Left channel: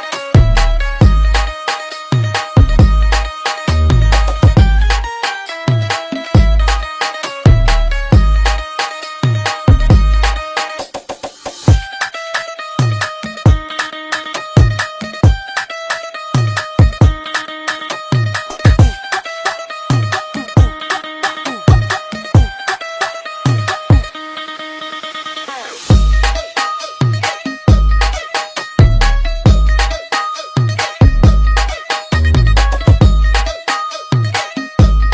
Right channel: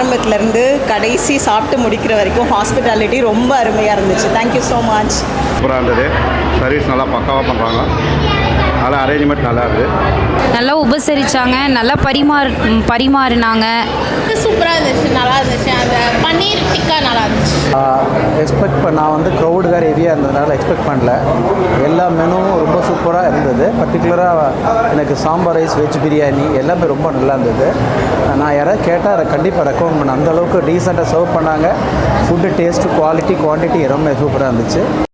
ஆரம்பத்துலேருந்து கடைசி சாப்பிட்டு முடிக்கிற வரைக்கும் ஹாஸ்பிட்டாலிட்டி ரொம்ப அருமையாக இருந்துச்சு. Thank you so much. சூப்பராக இருந்தது. சர்வீஸ் நல்லா பக்காவாக பண்ணுறாங்க. நல்லா அரேஞ்ச்மெண்ட் நல்லா இருக்குது. நல்லா உபசரித்தாங்க, நல்லா பரிமாறினாங்க. சூப்பராக இருந்துச்சு, நல்லா இருந்துச்சு. அந்த பன்னீர் டிக்கா நல்லா இருந்துச்சு. நான் வந்து க்ரௌடு வேறு ஹெவியாக இருந்ததுனால எக்ஸ்பெக்ட் பண்ணல. எல்லா மெனுவும் ரொம்ப சூப்பராக இருந்தது. பர்டிகுலராக எனக்கு சாம்பார் ரைஸ், வெஜ் பிரியாணி எல்லாமே ரொம்ப நல்லா இருந்தது. நான் யாராவது கேட்டால் அதை கண்டிப்பாக ரெக்கமெண்ட் பண்ணேன். அந்தளவுக்கு டீசெண்டாக சர்வ் பண்ணாங்க. ஃபுட்டு டேஸ்ட்டு, குவாலிட்டி, குவான்டிட்டி எல்லாமே சூப்பராக இருந்துச்சு.